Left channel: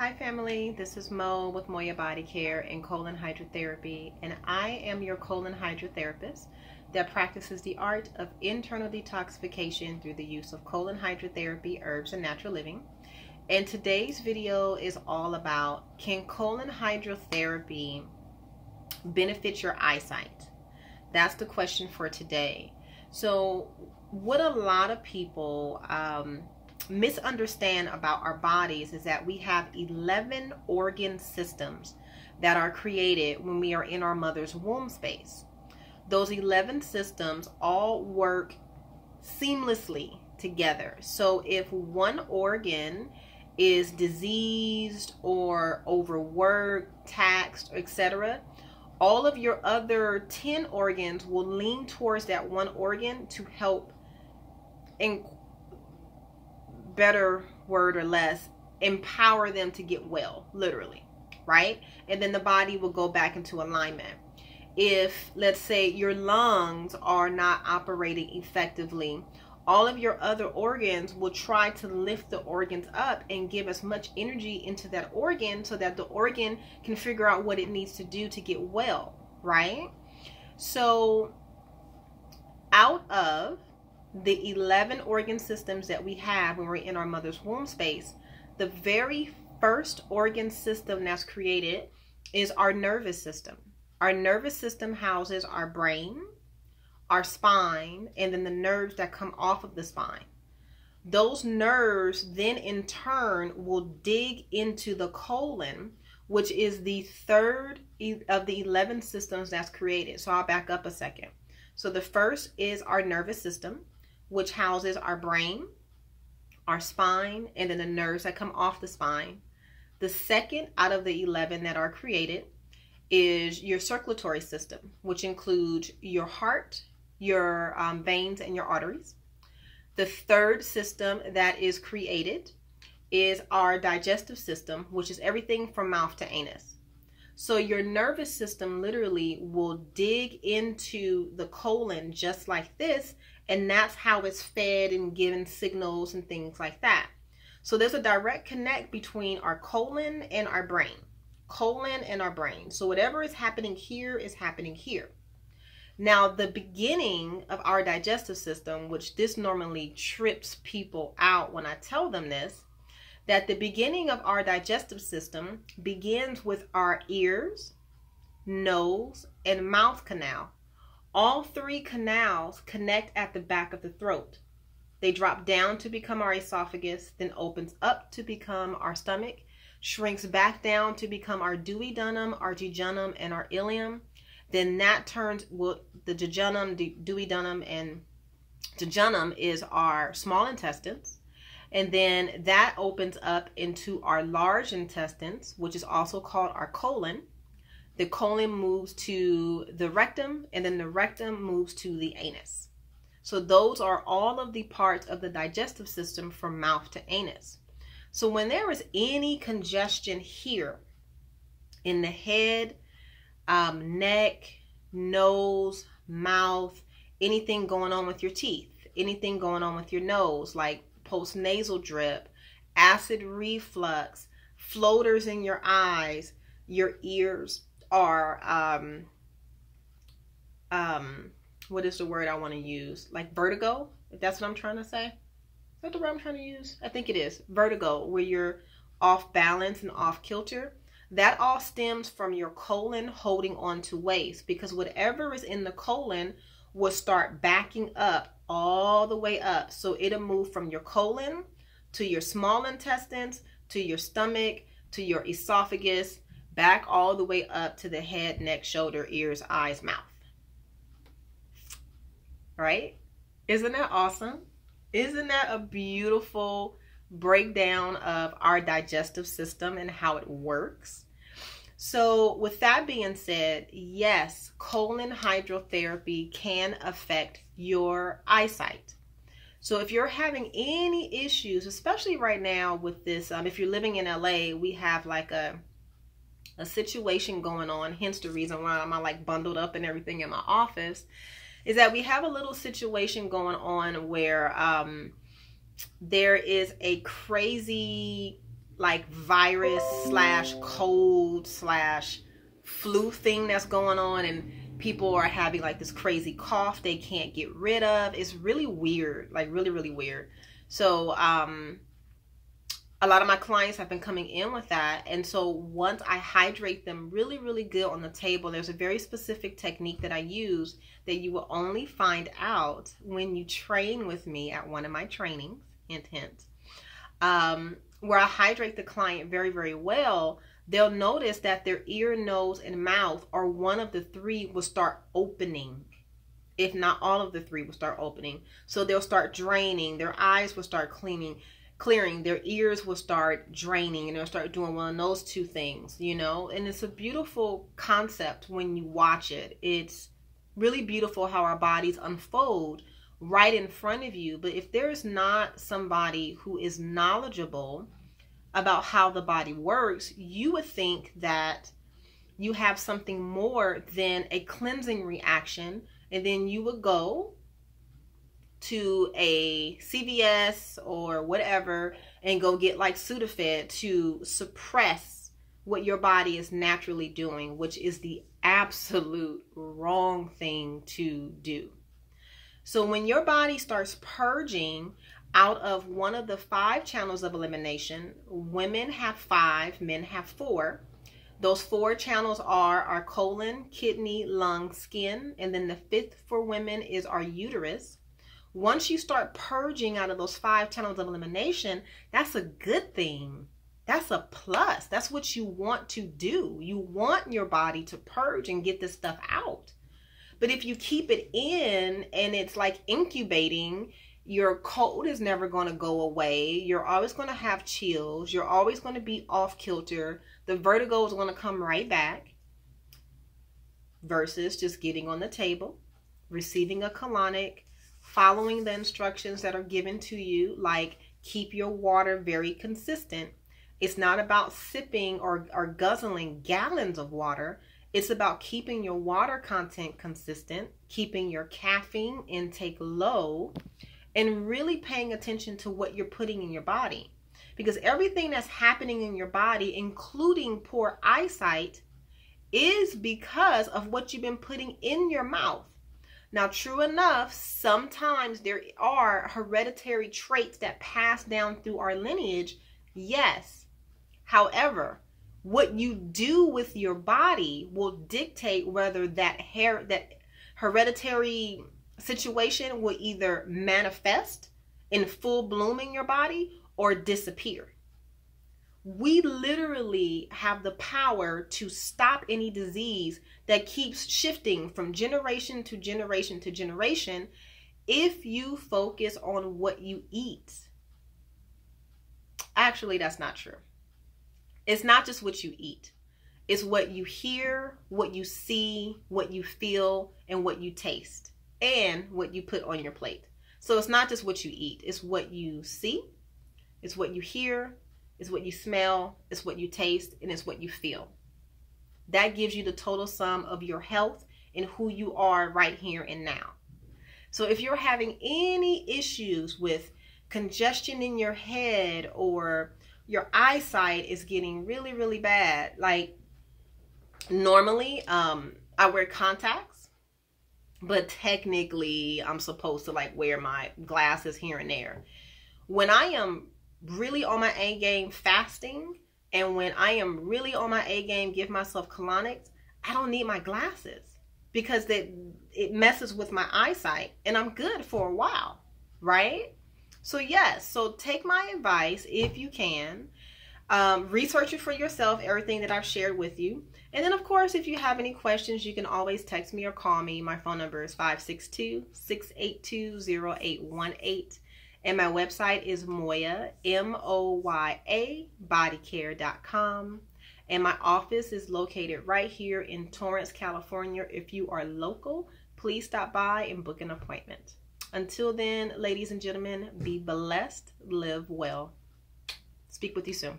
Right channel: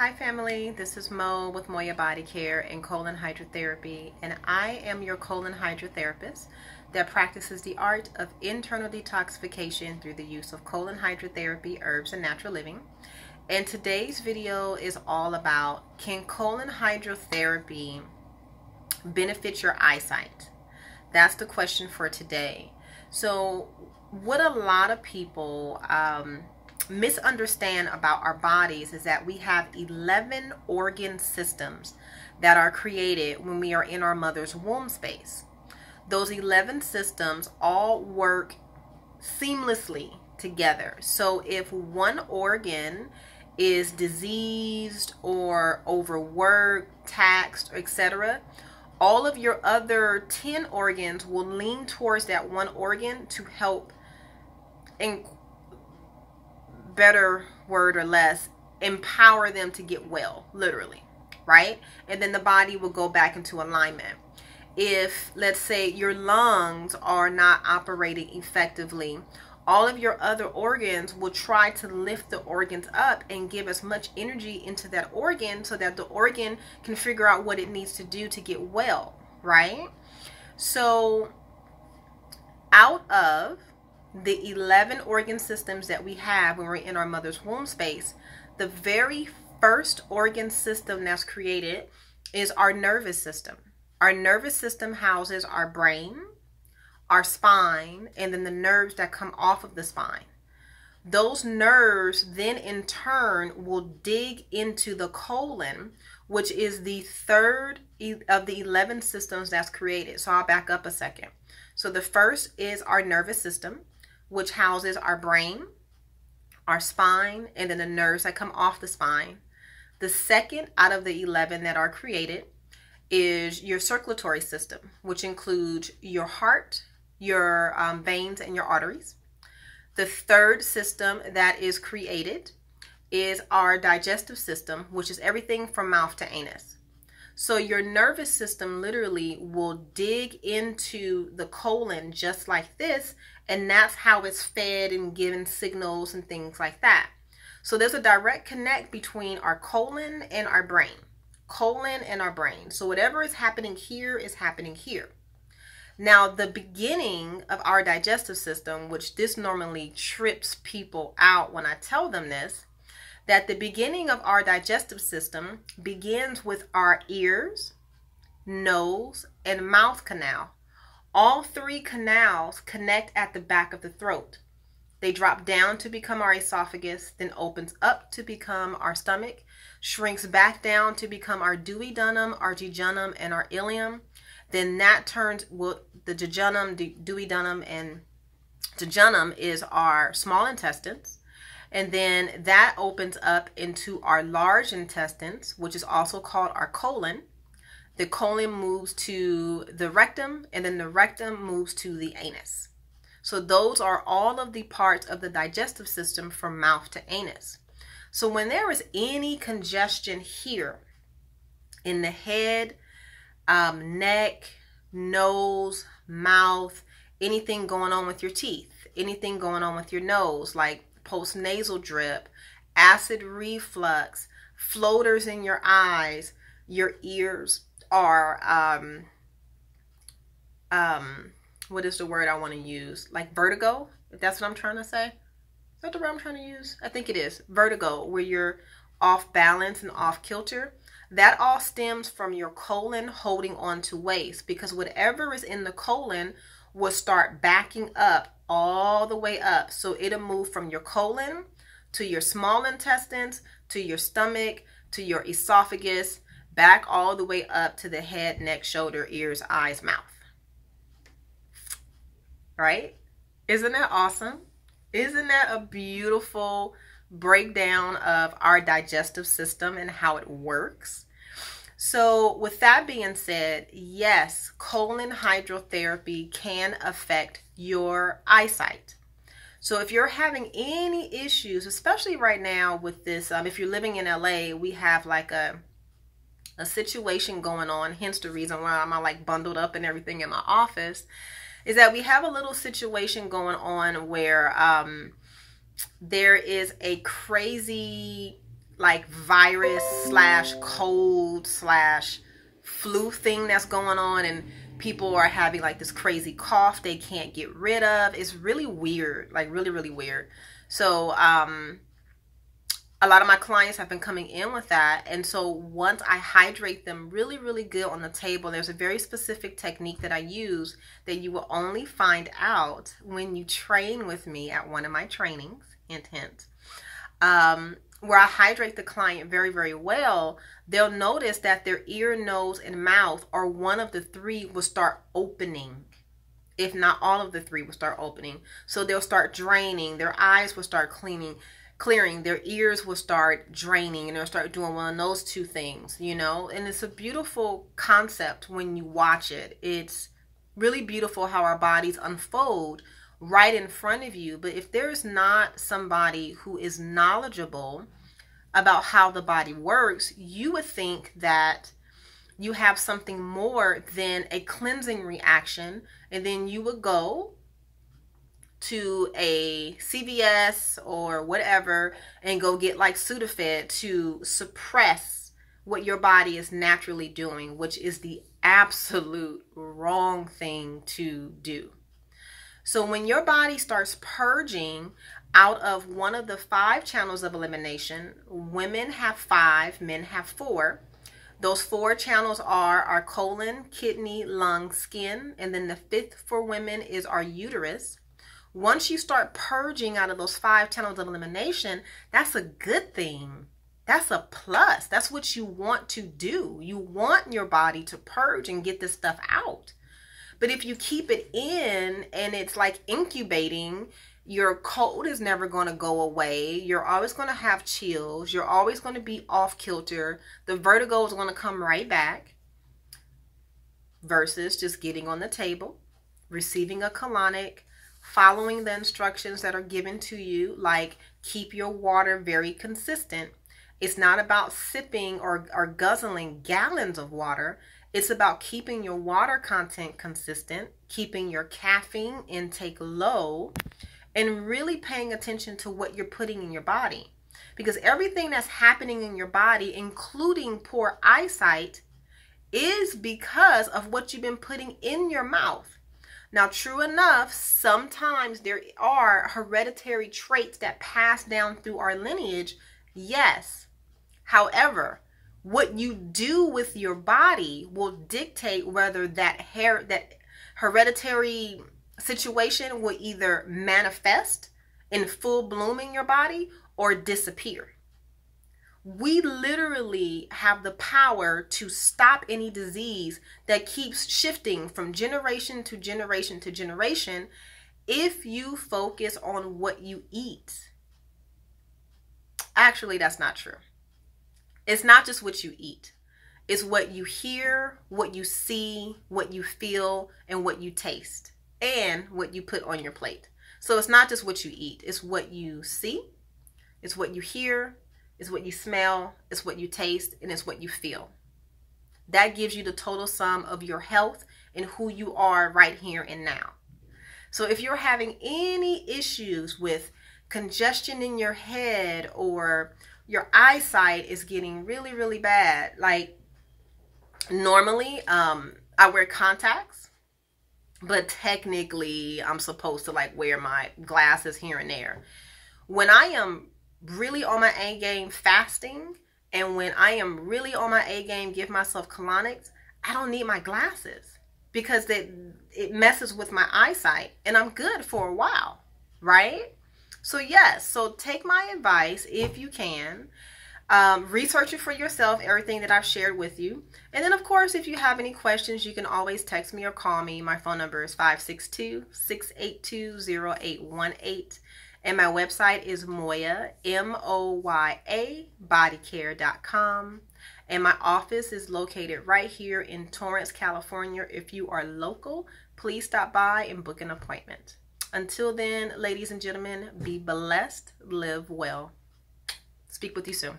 Hi family, this is Mo with Moya Body Care and Colon Hydrotherapy, and I am your colon hydrotherapist that practices the art of internal detoxification through the use of colon hydrotherapy, herbs, and natural living. And today's video is all about, can colon hydrotherapy benefit your eyesight? That's the question for today. So what a lot of people misunderstand about our bodies is that we have 11 organ systems that are created when we are in our mother's womb space. Those 11 systems all work seamlessly together. So if one organ is diseased or overworked, taxed, etc., all of your other 10 organs will lean towards that one organ to help, in better word or less, empower them to get well, literally, right? And then the body will go back into alignment. If, let's say, your lungs are not operating effectively, all of your other organs will try to lift the organs up and give as much energy into that organ so that the organ can figure out what it needs to do to get well, right? So out of the 11 organ systems that we have when we're in our mother's womb space, the very first organ system that's created is our nervous system. Our nervous system houses our brain, our spine, and then the nerves that come off of the spine. Those nerves then in turn will dig into the colon, which is the third of the 11 systems that's created. So I'll back up a second. So the first is our nervous system, which houses our brain, our spine, and then the nerves that come off the spine. The second out of the 11 that are created is your circulatory system, which includes your heart, your veins, and your arteries. The third system that is created is our digestive system, which is everything from mouth to anus. So your nervous system literally will dig into the colon just like this, and that's how it's fed and given signals and things like that. So there's a direct connect between our colon and our brain. Colon and our brain. So whatever is happening here is happening here. Now, the beginning of our digestive system, which this normally trips people out when I tell them this, that the beginning of our digestive system begins with our ears, nose, and mouth canal. All three canals connect at the back of the throat. They drop down to become our esophagus, then opens up to become our stomach, shrinks back down to become our duodenum, our jejunum, and our ileum. Then that turns, well, the jejunum, duodenum, and jejunum is our small intestines. And then that opens up into our large intestines, which is also called our colon. The colon moves to the rectum, and then the rectum moves to the anus. So those are all of the parts of the digestive system from mouth to anus. So when there is any congestion here in the head, neck, nose, mouth, anything going on with your teeth, anything going on with your nose, like postnasal drip, acid reflux, floaters in your eyes, your ears are, what is the word I want to use? Like vertigo, if that's what I'm trying to say. Is that the word I'm trying to use? I think it is. Vertigo, where you're off balance and off kilter. That all stems from your colon holding on to waste, because whatever is in the colon will start backing up all the way up. So it'll move from your colon to your small intestines, to your stomach, to your esophagus, back all the way up to the head, neck, shoulder, ears, eyes, mouth. Right? Isn't that awesome? Isn't that a beautiful breakdown of our digestive system and how it works? So with that being said, yes, colon hydrotherapy can affect your eyesight. So if you're having any issues, especially right now with this, if you're living in LA, we have like a situation going on, hence the reason why I'm like bundled up and everything in my office, is that we have a little situation going on where there is a crazy like virus slash cold slash flu thing that's going on, and people are having like this crazy cough they can't get rid of. It's really weird, like really, really weird. So a lot of my clients have been coming in with that. And so once I hydrate them really, really good on the table, there's a very specific technique that I use that you will only find out when you train with me at one of my trainings, hint, hint, where I hydrate the client very, very well. They'll notice that their ear, nose, and mouth, or one of the three, will start opening. If not all of the three will start opening. So they'll start draining. Their eyes will start clearing. Their ears will start draining, and they'll start doing one of those two things, you know. And it's a beautiful concept when you watch it. It's really beautiful how our bodies unfold right in front of you. But if there's not somebody who is knowledgeable about how the body works, you would think that you have something more than a cleansing reaction, and then you would go to a CVS or whatever and go get like Sudafed to suppress what your body is naturally doing, which is the absolute wrong thing to do. So when your body starts purging out of one of the 5 channels of elimination, women have 5, men have 4. Those 4 channels are our colon, kidney, lung, skin, and then the 5th for women is our uterus. Once you start purging out of those 5 channels of elimination, that's a good thing. That's a plus. That's what you want to do. You want your body to purge and get this stuff out. But if you keep it in and it's like incubating, your cold is never going to go away. You're always going to have chills. You're always going to be off kilter. The vertigo is going to come right back, versus just getting on the table, receiving a colonic, following the instructions that are given to you, like keep your water very consistent. It's not about sipping or guzzling gallons of water. It's about keeping your water content consistent, keeping your caffeine intake low, and really paying attention to what you're putting in your body. Because everything that's happening in your body, including poor eyesight, is because of what you've been putting in your mouth. Now, true enough, sometimes there are hereditary traits that pass down through our lineage. Yes. However, what you do with your body will dictate whether that hereditary situation will either manifest in full bloom in your body or disappear. We literally have the power to stop any disease that keeps shifting from generation to generation to generation if you focus on what you eat. Actually, that's not true. It's not just what you eat. It's what you hear, what you see, what you feel, and what you taste, and what you put on your plate. So it's not just what you eat. It's what you see, it's what you hear, it's what you smell, it's what you taste, and it's what you feel. That gives you the total sum of your health and who you are right here and now. So if you're having any issues with congestion in your head, or your eyesight is getting really, really bad, like normally I wear contacts, but technically I'm supposed to like wear my glasses here and there. When I am really on my A game fasting, and when I am really on my A game give myself colonics, I don't need my glasses because it messes with my eyesight, and I'm good for a while, right? So yes, so take my advice if you can. Research it for yourself, everything that I've shared with you. And then, of course, if you have any questions, you can always text me or call me. My phone number is 562-682-0818. And my website is Moya, M-O-Y-A, bodycare.com. And my office is located right here in Torrance, California. If you are local, please stop by and book an appointment. Until then, ladies and gentlemen, be blessed, live well. Speak with you soon.